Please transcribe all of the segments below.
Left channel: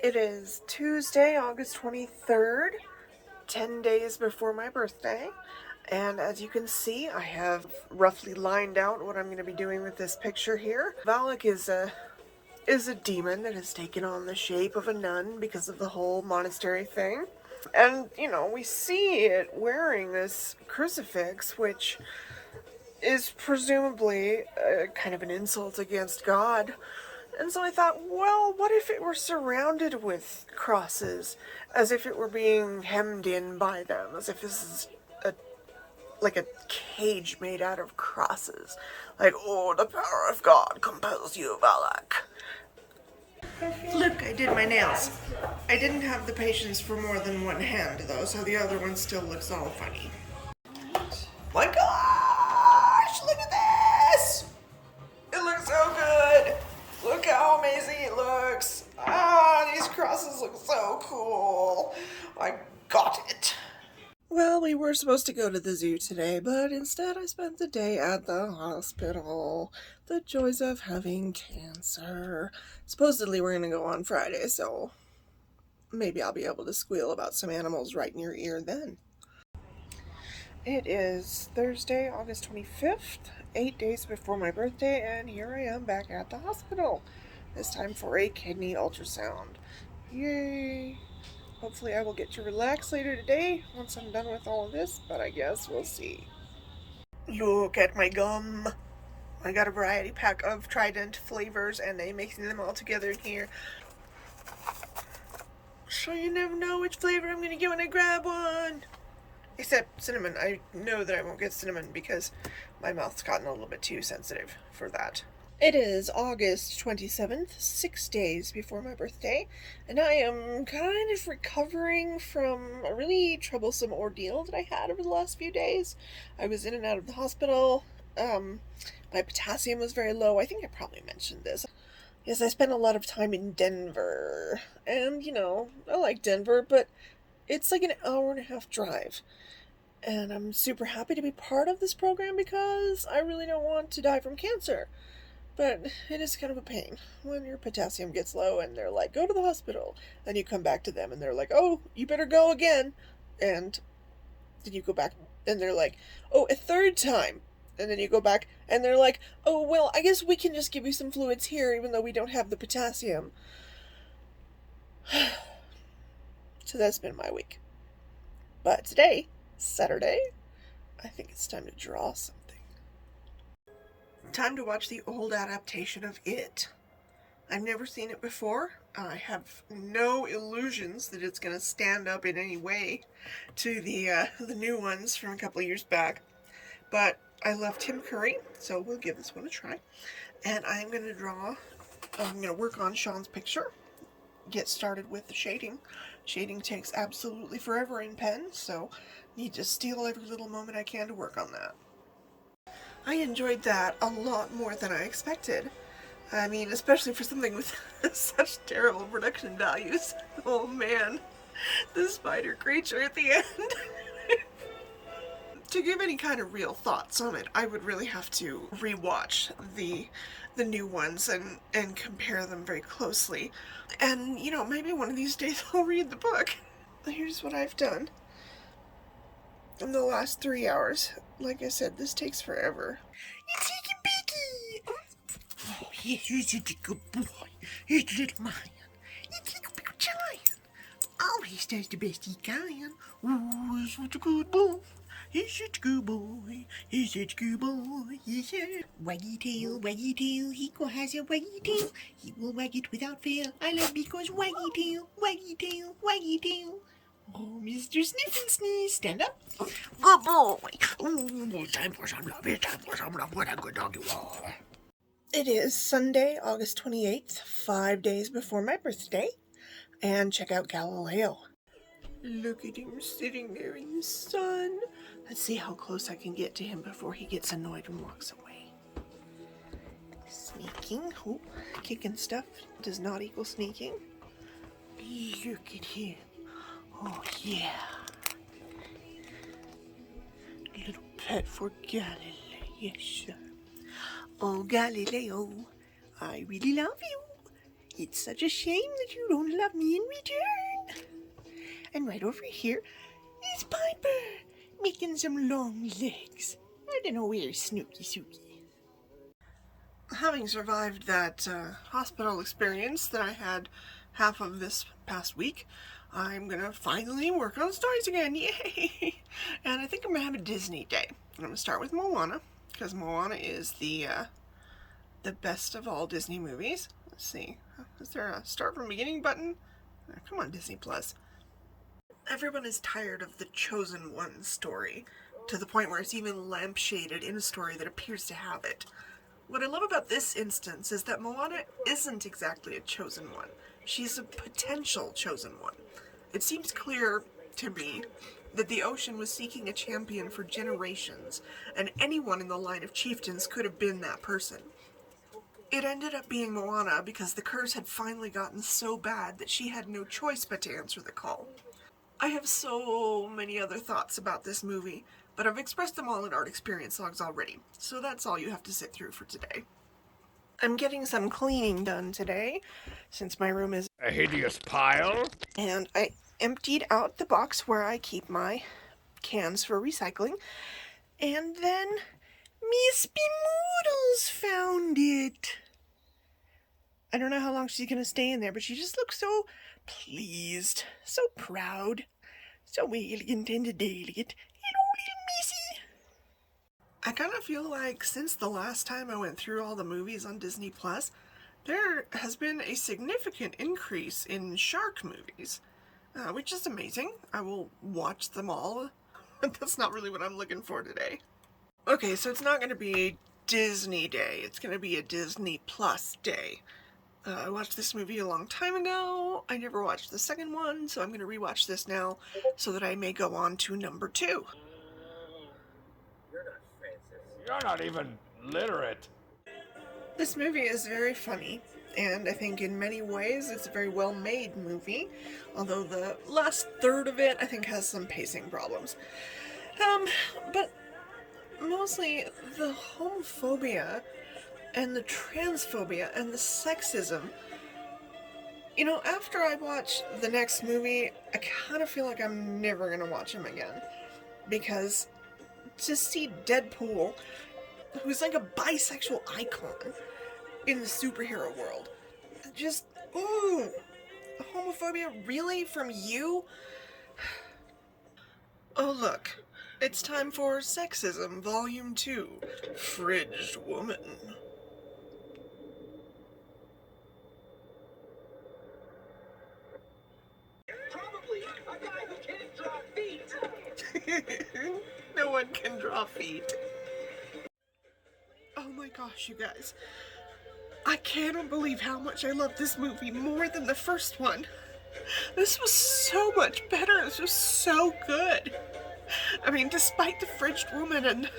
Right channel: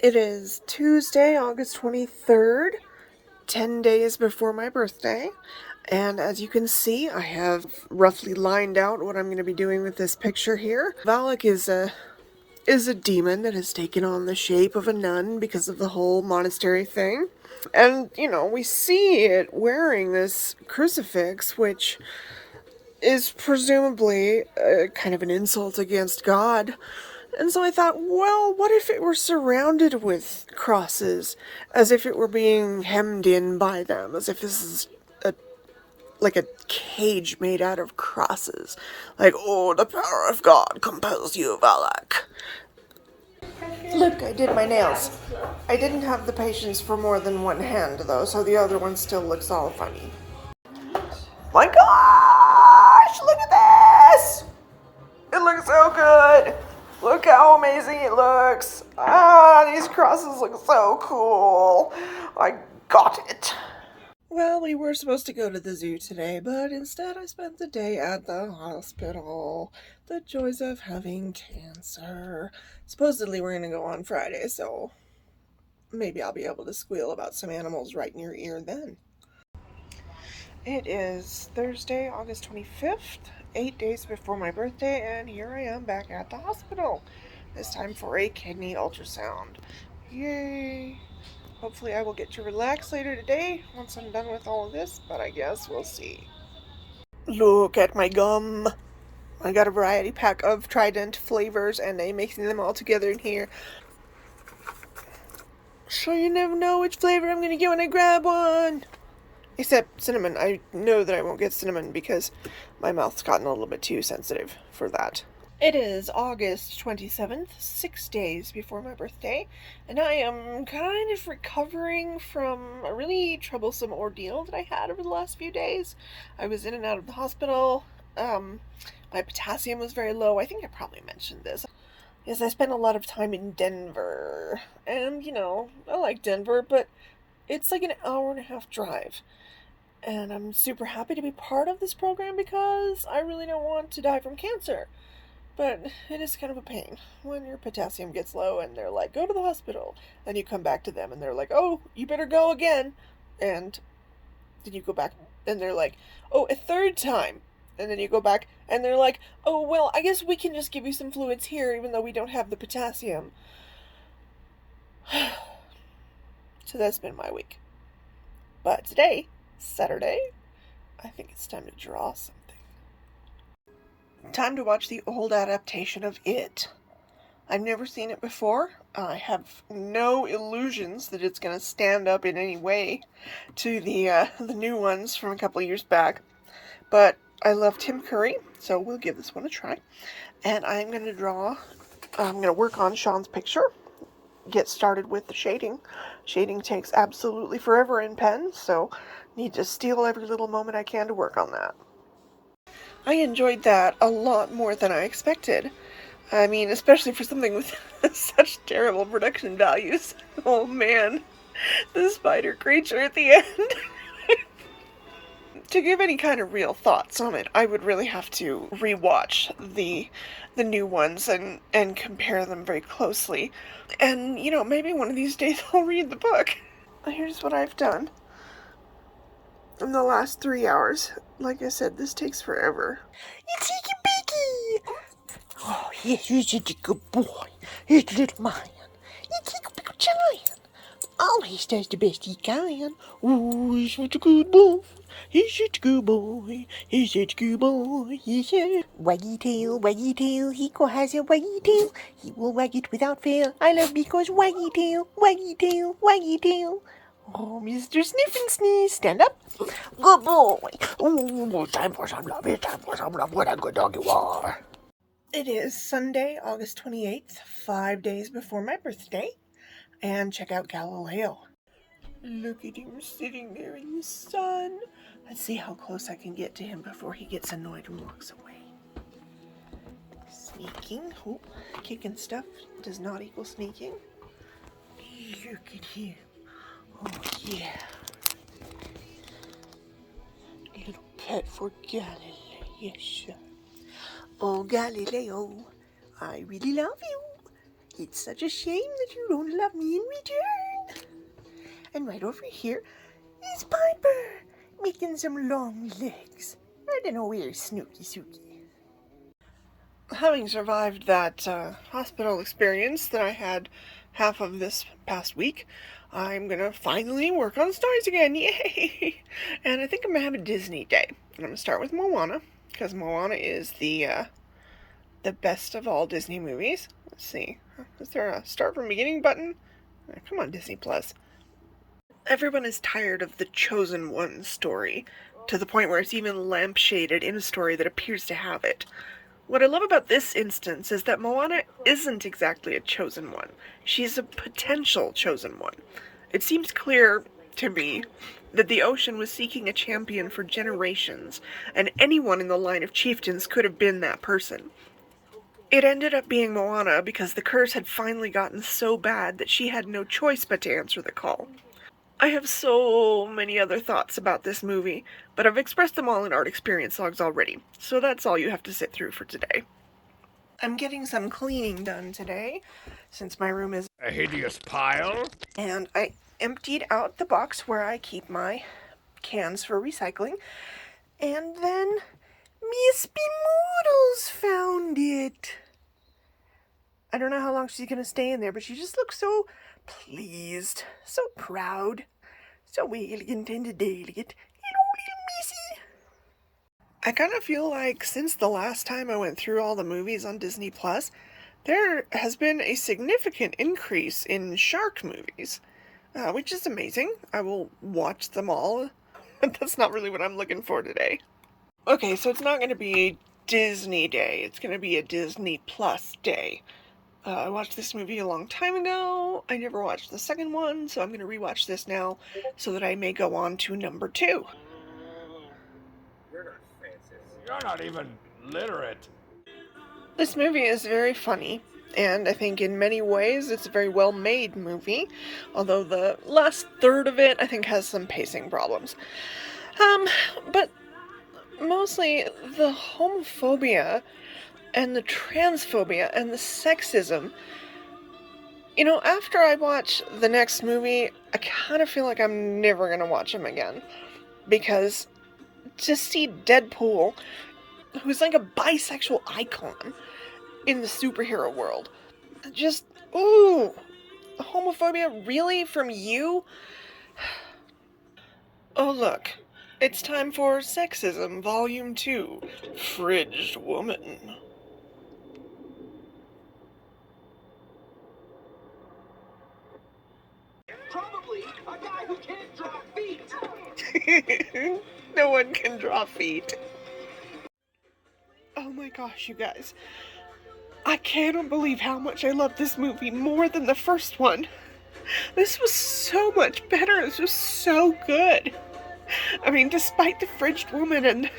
It is Tuesday, August 23rd, 10 days before my birthday. And as you can see, I have roughly lined out what I'm going to be doing with this picture here. Valak is a demon that has taken on the shape of a nun because of the whole monastery thing. And, we see it wearing this crucifix, which is presumably kind of an insult against God. And so I thought, well, what if it were surrounded with crosses, as if it were being hemmed in by them, as if this is like a cage made out of crosses. Like, oh, the power of God compels you, Valak. Look, I did my nails. I didn't have the patience for more than one hand, though, so the other one still looks all funny. My gosh, look at this! It looks so good! Look how amazing it looks! Ah, these crosses look so cool! I got it! Well, we were supposed to go to the zoo today, but instead I spent the day at the hospital. The joys of having cancer. Supposedly we're gonna go on Friday, so maybe I'll be able to squeal about some animals right in your ear then. It is Thursday, August 25th, 8 days before my birthday, and here I am back at the hospital. This time for a kidney ultrasound. Yay! Hopefully I will get to relax later today once I'm done with all of this, but I guess we'll see. Look at my gum. I got a variety pack of Trident flavors and I'm mixing them all together in here. So you never know which flavor I'm gonna get when I grab one. Except cinnamon. I know that I won't get cinnamon because my mouth's gotten a little bit too sensitive for that. It is August 27th, 6 days before my birthday, and I am kind of recovering from a really troublesome ordeal that I had over the last few days. I was in and out of the hospital. My potassium was very low. I think I probably mentioned this. Yes, I spent a lot of time in Denver, and I like Denver, but it's like an hour and a half drive. And I'm super happy to be part of this program because I really don't want to die from cancer. But it is kind of a pain when your potassium gets low and they're like, go to the hospital. And you come back to them and they're like, oh, you better go again. And then you go back and they're like, oh, a third time. And then you go back and they're like, oh, well, I guess we can just give you some fluids here even though we don't have the potassium. So that's been my week. But today, Saturday, I think it's time to draw something. Time to watch the old adaptation of It. I've never seen it before. I have no illusions that it's going to stand up in any way to the new ones from a couple years back. But I love Tim Curry, so we'll give this one a try. And I'm going to work on Sean's picture. Get started with the shading. Shading takes absolutely forever in pen, so need to steal every little moment I can to work on that. I enjoyed that a lot more than I expected. I mean, especially for something with such terrible production values. Oh man, the spider creature at the end. To give any kind of real thoughts on it, I would really have to rewatch the new ones and compare them very closely. And, maybe one of these days I'll read the book. Here's what I've done in the last 3 hours. Like I said, this takes forever. It's Icky Picky! Oh, yes, you're such a good boy. He's a little man. He's a big giant. Always does the best he can. Oh, he's such a good boy. He's such a good boy. He's such a good boy. Yeah. Waggy tail, he has a waggy tail. He will wag it without fail. I love because waggy tail, waggy tail, waggy tail. Oh, Mr. Sniff and Sneeze, stand up. Good boy. Oh, time for some love. It's time for some love. What a good dog you are. It is Sunday, August 28th, 5 days before my birthday. And check out Galileo. Look at him sitting there in the sun. Let's see how close I can get to him before he gets annoyed and walks away. Sneaking. Oh, kicking stuff does not equal sneaking. Look at him. Oh, yeah. A little pet for Galileo. Yes, sir. Oh, Galileo, I really love you. It's such a shame that you don't love me in return. And right over here is Piper, making some long legs. I don't know where Snooky Sookie. Having survived that hospital experience that I had half of this past week, I'm gonna finally work on stories again. Yay! And I think I'm gonna have a Disney day. I'm gonna start with Moana, because Moana is the best of all Disney movies. Let's see. Is there a start from beginning button? Come on, Disney Plus. Everyone is tired of the chosen one story, to the point where it's even lampshaded in a story that appears to have it. What I love about this instance is that Moana isn't exactly a chosen one. She's a potential chosen one. It seems clear to me that the ocean was seeking a champion for generations, and anyone in the line of chieftains could have been that person. It ended up being Moana because the curse had finally gotten so bad that she had no choice but to answer the call. I have so many other thoughts about this movie, but I've expressed them all in art experience logs already, so that's all you have to sit through for today. I'm getting some cleaning done today, since my room is a hideous pile. And I emptied out the box where I keep my cans for recycling, and then Miss Moodles found it. I don't know how long she's gonna stay in there, but she just looks so pleased, so proud, so elegant and delicate. Hello, little missy. I kind of feel like since the last time I went through all the movies on Disney Plus, there has been a significant increase in shark movies, which is amazing. I will watch them all, but that's not really what I'm looking for today. Okay, so it's not going to be a Disney day, it's going to be a Disney Plus day. I watched this movie a long time ago. I never watched the second one, so I'm going to rewatch this now so that I may go on to number 2. You're not Francis. You're not even literate. This movie is very funny, and I think in many ways it's a very well-made movie, although the last third of it I think has some pacing problems. But mostly the homophobia and the transphobia and the sexism. You know, after I watch the next movie, I kind of feel like I'm never going to watch him again. Because to see Deadpool, who's like a bisexual icon in the superhero world, just, ooh, homophobia really from you? Oh look, it's time for Sexism Volume 2, Fridged Woman. Probably a guy who can't draw feet. No one can draw feet. Oh my gosh, you guys. I cannot believe how much I love this movie more than the first one. This was so much better. This was so good. I mean, despite the fridged woman and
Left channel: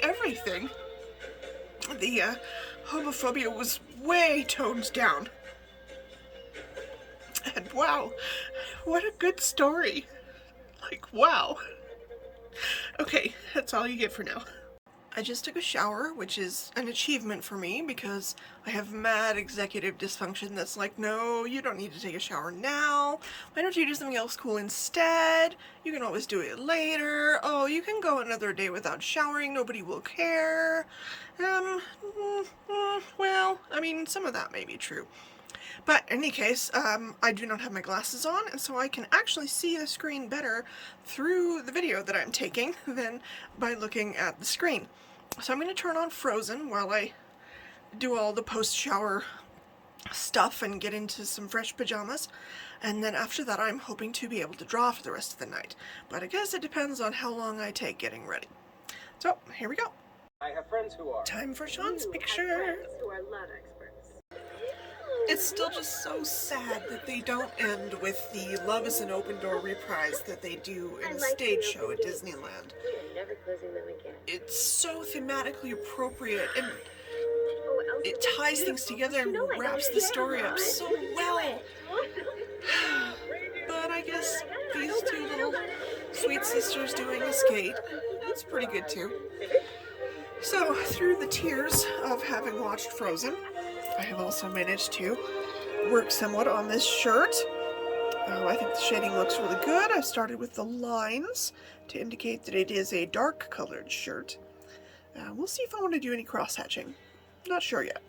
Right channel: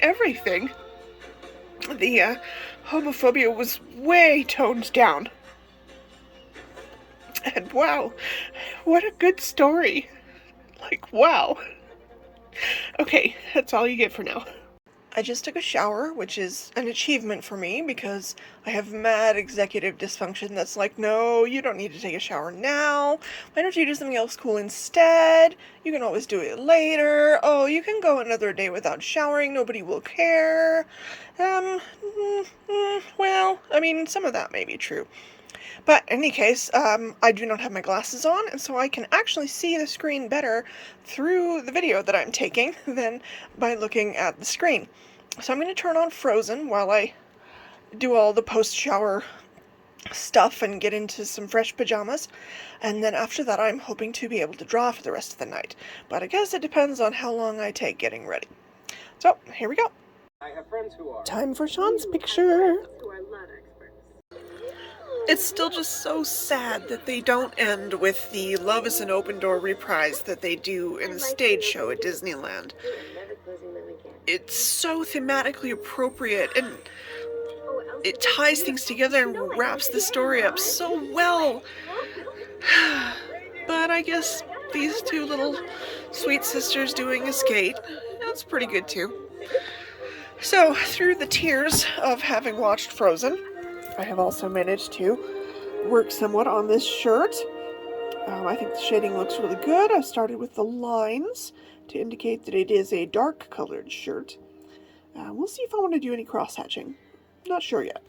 everything, the homophobia was way toned down. And wow, what a good story. Like, wow. Okay, that's all you get for now. I just took a shower, which is an achievement for me because I have mad executive dysfunction that's like, no, you don't need to take a shower now. Why don't you do something else cool instead? You can always do it later. Oh, you can go another day without showering. Nobody will care. Well, I mean, some of that may be true. But in any case, I do not have my glasses on, and so I can actually see the screen better through the video that I'm taking than by looking at the screen. So I'm going to turn on Frozen while I do all the post-shower stuff and get into some fresh pajamas. And then after that, I'm hoping to be able to draw for the rest of the night. But I guess it depends on how long I take getting ready. So, here we go. I have friends who are. Time for Sean's picture. It's still just so sad that they don't end with the Love is an Open Door reprise that they do in the stage show at Disneyland. It's so thematically appropriate, and it ties things together and wraps the story up so well. But I guess these two little sweet sisters doing a skate, that's pretty good too. So, through the tears of having watched Frozen, I have also managed to work somewhat on this shirt. I think the shading looks really good. I started with the lines to indicate that it is a dark colored shirt. We'll see if I want to do any cross-hatching. Not sure yet.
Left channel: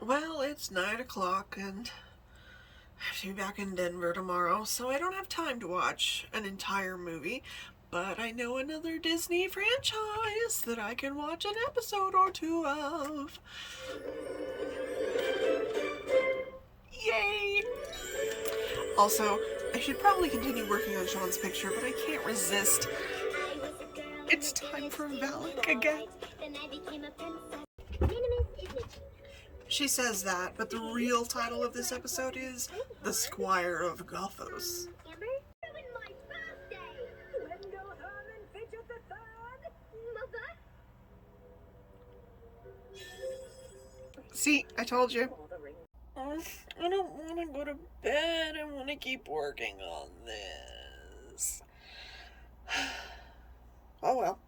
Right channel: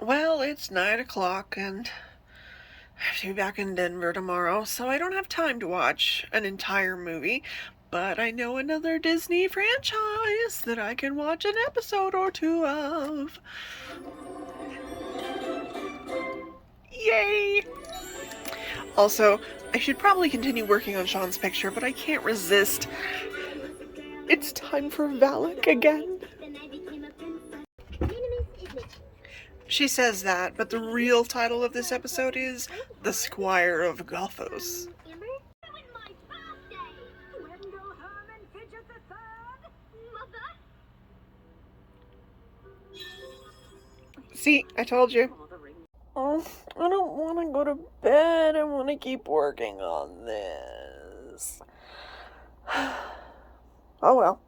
Well, it's 9 o'clock and I have to be back in Denver tomorrow, so I don't have time to watch an entire movie. But I know another Disney franchise that I can watch an episode or two of. Yay! Also, I should probably continue working on Sean's picture, but I can't resist. It's time for Valak again. She says that, but the real title of this episode is The Squire of Gothos. See, I told you. Oh, I don't want to go to bed. I want to keep working on this. Oh well.